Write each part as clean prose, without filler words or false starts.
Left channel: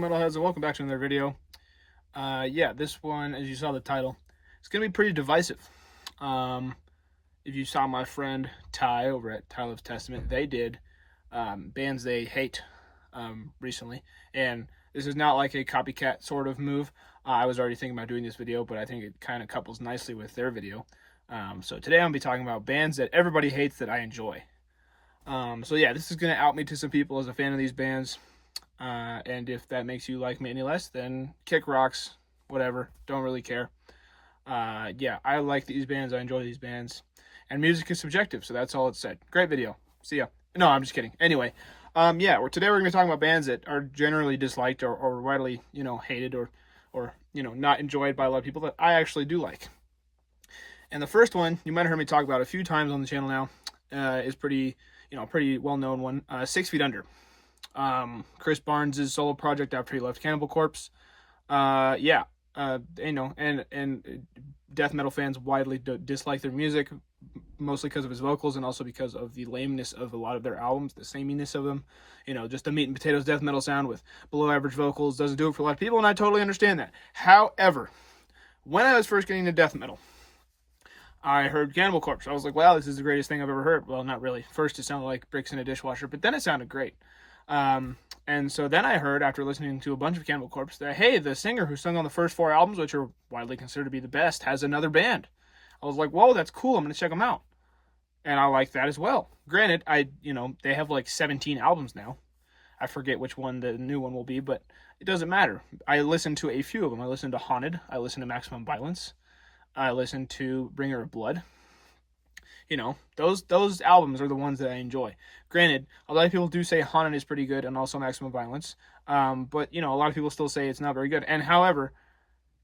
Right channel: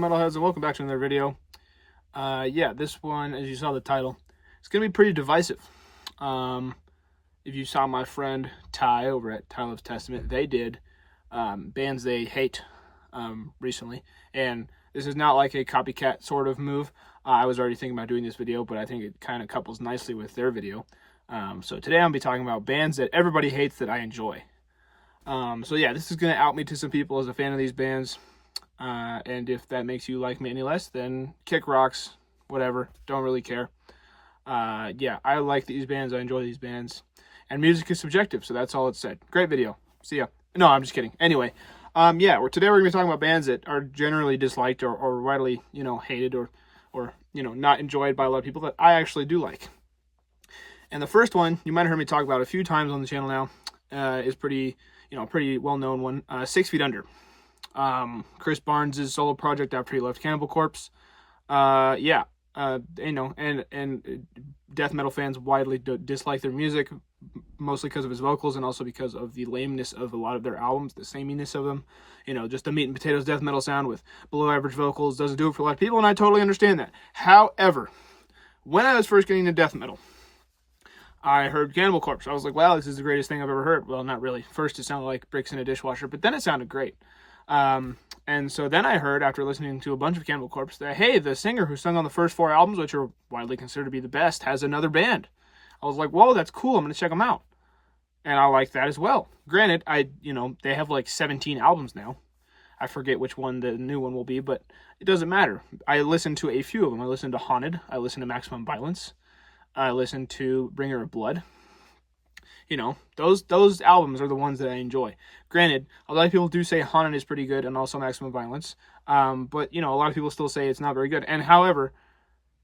going, metalheads, and welcome back to another video. Yeah, this one, as you saw the title, it's gonna be pretty divisive. If you saw my friend Ty over at Ty Loves Testament, they did bands they hate recently, and this is not like a copycat sort of move. I was already thinking about doing this video, but I think it kind of couples nicely with their video. So today I'm gonna be talking about bands that everybody hates that I enjoy. So yeah, this is gonna out me to some people as a fan of these bands. And if that makes you like me any less, then kick rocks, whatever, don't really care. Yeah, I like these bands, I enjoy these bands, and music is subjective, so that's all it said. Great video, see ya. No, I'm just kidding. Anyway, yeah, today we're going to be talking about bands that are generally disliked or widely, hated or not enjoyed by a lot of people that I actually do like. And the first one, you might have heard me talk about a few times on the channel now, is pretty well-known one, 6 Feet Under. Chris Barnes' solo project after he left Cannibal Corpse. And death metal fans widely dislike their music, mostly because of his vocals and also because of the lameness of a lot of their albums, the sameness of them. Just the meat and potatoes death metal sound with below average vocals doesn't do it for a lot of people, and I totally understand that. However, when I was first getting into death metal, I heard Cannibal Corpse. I was like, wow, this is the greatest thing I've ever heard. Well, not really. First, it sounded like bricks in a dishwasher, but then it sounded great. And so then I heard, after listening to a bunch of Cannibal Corpse, that, hey, the singer who sung on the first 4 albums, which are widely considered to be the best, has another band. I was like, whoa, that's cool. I'm going to check them out. And I like that as well. Granted, they have like 17 albums now. I forget which one the new one will be, but it doesn't matter. I listened to a few of them. I listened to Haunted. I listened to Maximum Violence. I listened to Bringer of Blood. Those albums are the ones that I enjoy. Granted, a lot of people do say Haunted is pretty good and also Maximum Violence. But, a lot of people still say it's not very good. And however,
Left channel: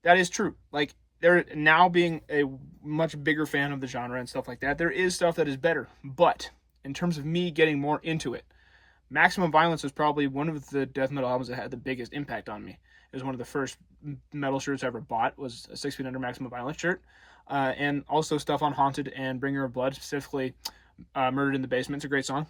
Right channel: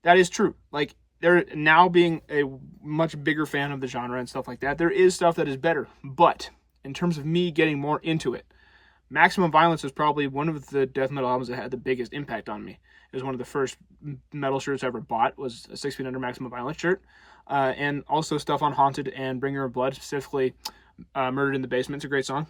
that is true. Like, they're now being a much bigger fan of the genre and stuff like that. There is stuff that is better. But in terms of me getting more into it, Maximum Violence is probably one of the death metal albums that had the biggest impact on me. It was one of the first metal shirts I ever bought, was a 6 Feet Under Maximum Violence shirt. And also stuff on Haunted and Bringer of Blood, specifically Murdered in the Basement. It's a great song.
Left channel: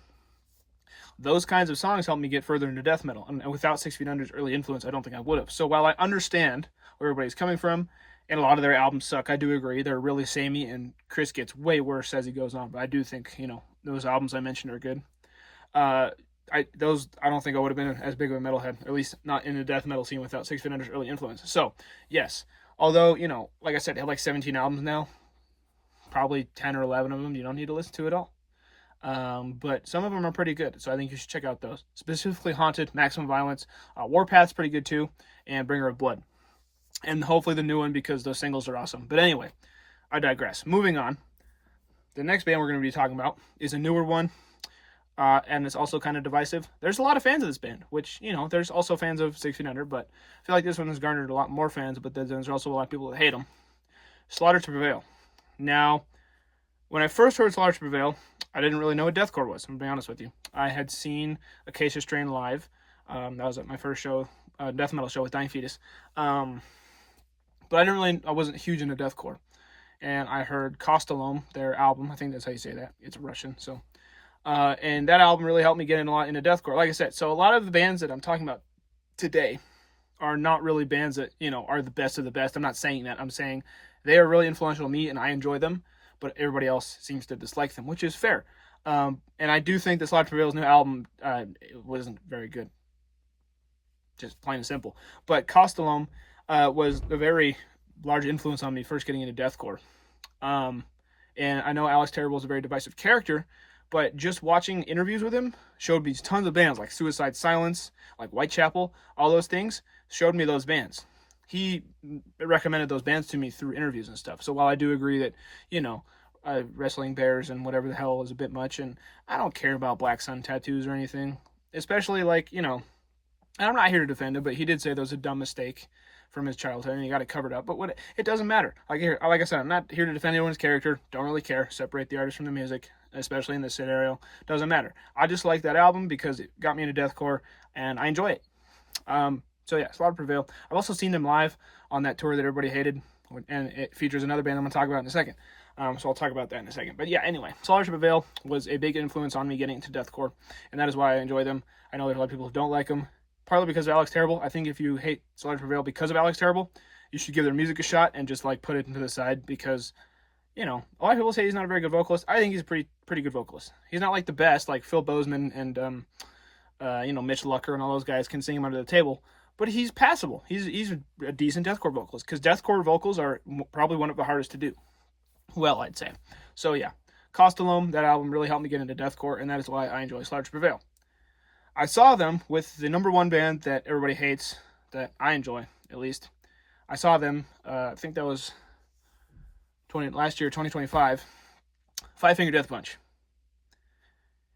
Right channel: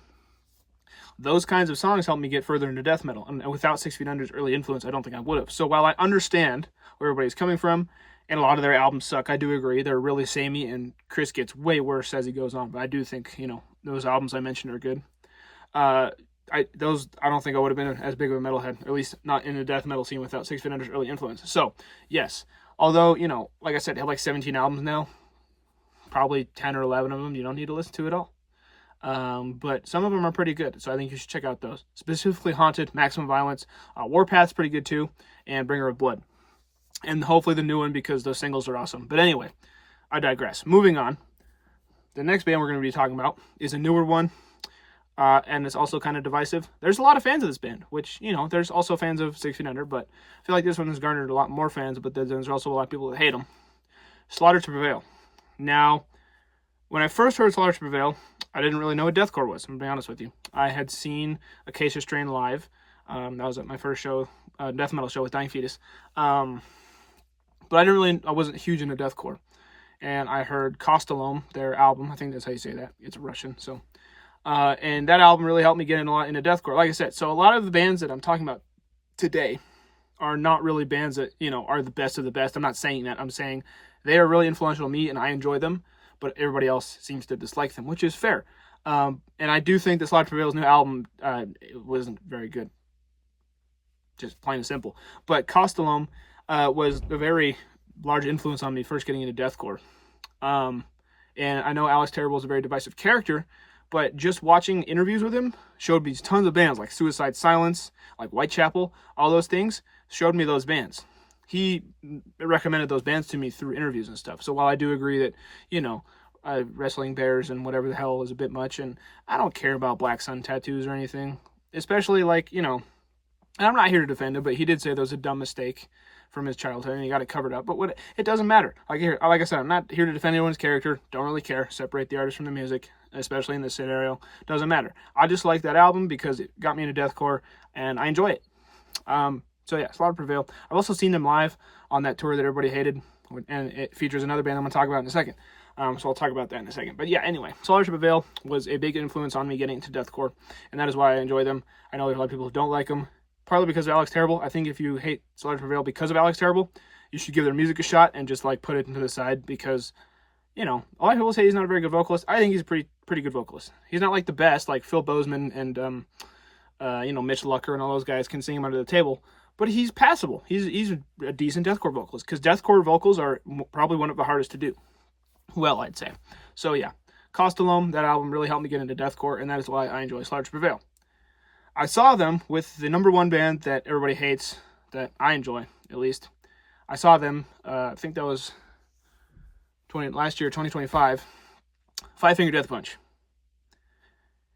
Those kinds of songs helped me get further into death metal. And without 6 Feet Under's early influence, I don't think I would have. So while I understand where everybody's coming from, and a lot of their albums suck, I do agree. They're really samey, and Chris gets way worse as he goes on. But I do think, those albums I mentioned are good. I don't think I would have been as big of a metalhead, at least not in the death metal scene, without 6 Feet Under's early influence. So, yes. Although, like I said, they have like 17 albums now. Probably 10 or 11 of them you don't need to listen to at all. But some of them are pretty good, so I think you should check out those. Specifically Haunted, Maximum Violence, Warpath's pretty good too, and Bringer of Blood. And hopefully the new one, because those singles are awesome. But anyway, I digress. Moving on. The next band we're going to be talking about is a newer one. And it's also kind of divisive. There's a lot of fans of this band, which, there's also fans of 6 Feet Under, but I feel like this one has garnered a lot more fans, but then there's also a lot of people that hate them. Slaughter to Prevail. Now, when I first heard Slaughter to Prevail, I didn't really know what deathcore was, I'm going to be honest with you. I had seen Acacia Strain live. That was at my first show, death metal show with Dying Fetus. But I wasn't huge into deathcore. And I heard Kostalom, their album. I think that's how you say that. It's Russian, so... and that album really helped me get a lot into deathcore. Like I said, so a lot of the bands that I'm talking about today are not really bands that, are the best of the best. I'm not saying that. I'm saying they are really influential to me and I enjoy them, but everybody else seems to dislike them, which is fair. And I do think that Slaughter to Prevail's new album wasn't very good. Just plain and simple. But Kostalom was a very large influence on me first getting into deathcore. And I know Alex Terrible is a very divisive character, but just watching interviews with him showed me tons of bands like Suicide Silence, like Whitechapel, all those things showed me those bands. He recommended those bands to me through interviews and stuff. So while I do agree that, Wrestling Bears and whatever the hell is a bit much, and I don't care about Black Sun tattoos or anything, especially and I'm not here to defend him, but he did say there was a dumb mistake from his childhood and he got it covered up. But it doesn't matter. Like I said, I'm not here to defend anyone's character. Don't really care. Separate the artist from the music, especially in this scenario. Doesn't matter. I just like that album because it got me into deathcore and I enjoy it. So yeah, Slaughter to Prevail. I've also seen them live on that tour that everybody hated, and it features another band I'm going to talk about in a second. So I'll talk about that in a second. But yeah, anyway, Slaughter to Prevail was a big influence on me getting into deathcore, and that is why I enjoy them. I know there's a lot of people who don't like them. partly because of Alex Terrible. I think if you hate Solar Prevail because of Alex Terrible, you should give their music a shot and just like put it into the side, because you know, a lot of people say he's not a very good vocalist. I think he's a pretty good vocalist. He's not like the best, like Phil Bozeman and you know, Mitch Lucker and all those guys can sing him under the table, but he's passable. He's a decent deathcore vocalist, because deathcore vocals are probably one of the hardest to do. Well, I'd say. So yeah, Costalome, that album really helped me get into deathcore, and that is why I enjoy Slaughter to Prevail. I saw them with the #1 band that everybody hates, that I enjoy, at least. I saw them, I think that was last year, 2025, Five Finger Death Punch.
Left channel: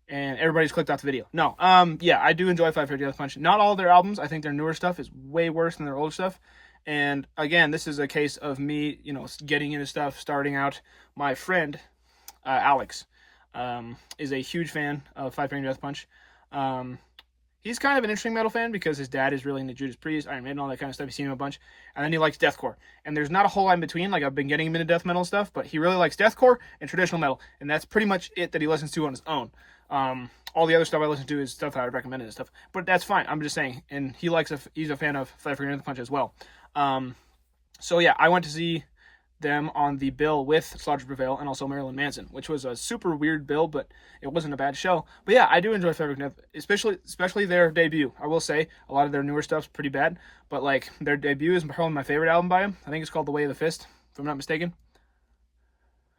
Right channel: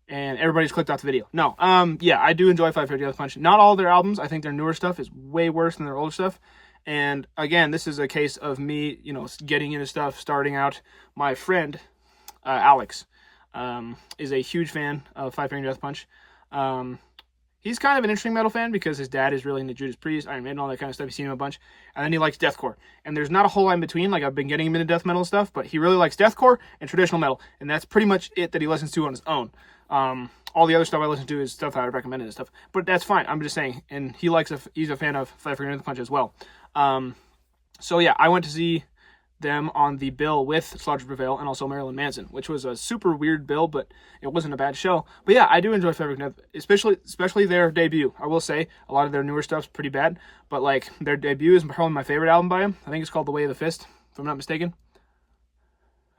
And everybody's clicked off the video. No, yeah, I do enjoy Five Finger Death Punch. Not all their albums. I think their newer stuff is way worse than their older stuff. And again, this is a case of me, you know, getting into stuff, starting out. My friend, Alex, is a huge fan of Five Finger Death Punch. He's kind of an interesting metal fan because his dad is really into Judas Priest, Iron Maiden, all that kind of stuff. He's seen him a bunch. And then he likes deathcore. And there's not a whole lot in between. Like, I've been getting him into death metal stuff, but he really likes deathcore and traditional metal. And that's pretty much it that he listens to on his own. All the other stuff I listen to is stuff that I recommended and stuff. But that's fine. I'm just saying. And he's a fan of Five Finger Death Punch as well. So yeah, I went to see them on the bill with Slaughter to Prevail and also Marilyn Manson, which was a super weird bill, but it wasn't a bad show. But yeah, I do enjoy Five Finger Death, especially their debut. I will say a lot of their newer stuff's pretty bad, but like their debut is probably my favorite album by them. I think it's called The Way of the Fist, if I'm not mistaken.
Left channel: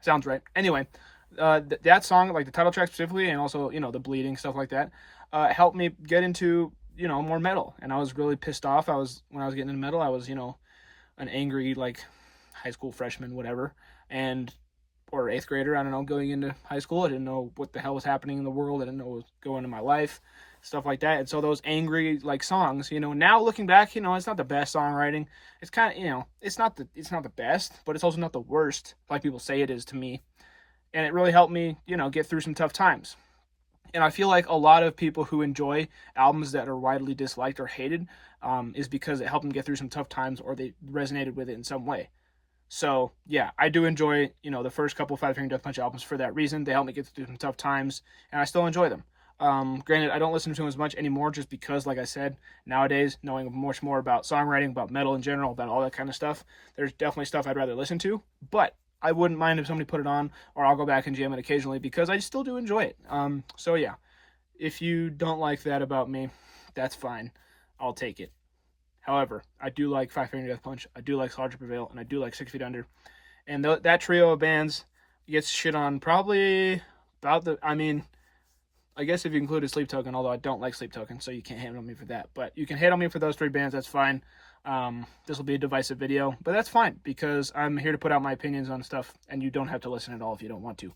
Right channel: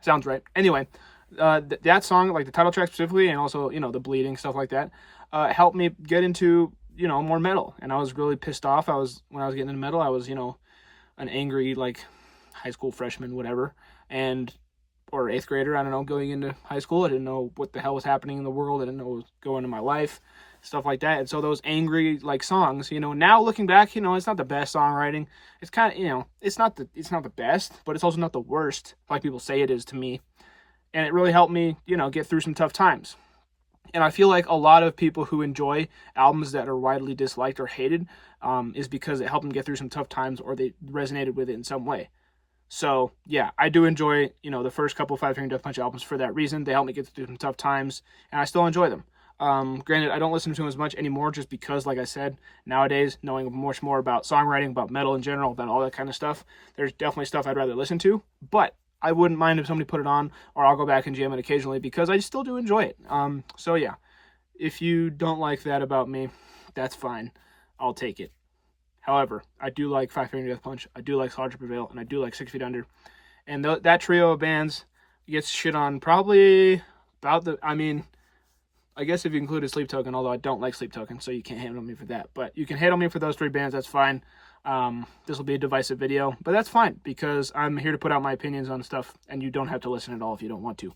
Sounds right. Anyway, that song, like the title track specifically, and also, you know, the bleeding, stuff like that, helped me get into, you know, more metal. And I was really pissed off. When I was getting into metal, I was, you know, an angry, like, high school freshman, whatever, or 8th grader, I don't know, going into high school. I didn't know what the hell was happening in the world. I didn't know what was going on in my life, stuff like that. And so those angry, like, songs, you know, now looking back, you know, it's not the best songwriting. It's kind of, you know, it's not the best, but it's also not the worst, like people say it is to me. And it really helped me, you know, get through some tough times. And I feel like a lot of people who enjoy albums that are widely disliked or hated is because it helped them get through some tough times, or they resonated with it in some way. So yeah, I do enjoy, you know, the first couple Five Finger Death Punch albums for that reason. They helped me get through some tough times, and I still enjoy them. Granted, I don't listen to them as much anymore, just because, like I said, nowadays, knowing much more about songwriting, about metal in general, about all that kind of stuff, there's definitely stuff I'd rather listen to. But I wouldn't mind if somebody put it on, or I'll go back and jam it occasionally, because I still do enjoy it. So yeah, if you don't like that about me, that's fine. I'll take it. However, I do like Five Finger Death Punch, I do like Slaughter to Prevail, and I do like 6 Feet Under. And that trio of bands gets shit on probably about I guess if you included Sleep Token, although I don't like Sleep Token, so you can't hate on me for that. But you can hate on me for those 3 bands, that's fine. This will be a divisive video, but that's fine, because I'm here to put out my opinions on stuff, and you don't have to listen at all if you don't want to.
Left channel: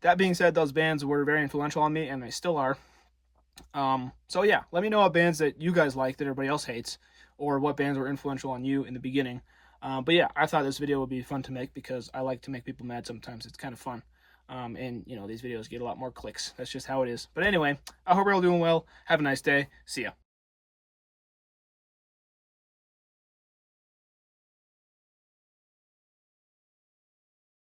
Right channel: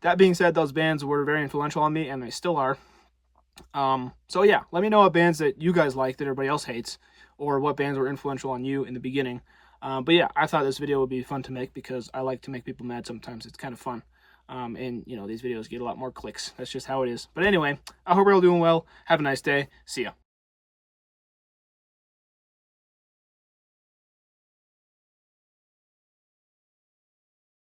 That being said, those bands were very influential on me, and they still are. So yeah, let me know what bands that you guys like that everybody else hates, or what bands were influential on you in the beginning. But yeah, I thought this video would be fun to make, because I like to make people mad sometimes. It's kind of fun. And you know, these videos get a lot more clicks. That's just how it is. But anyway, I hope you're all doing well. Have a nice day. See ya.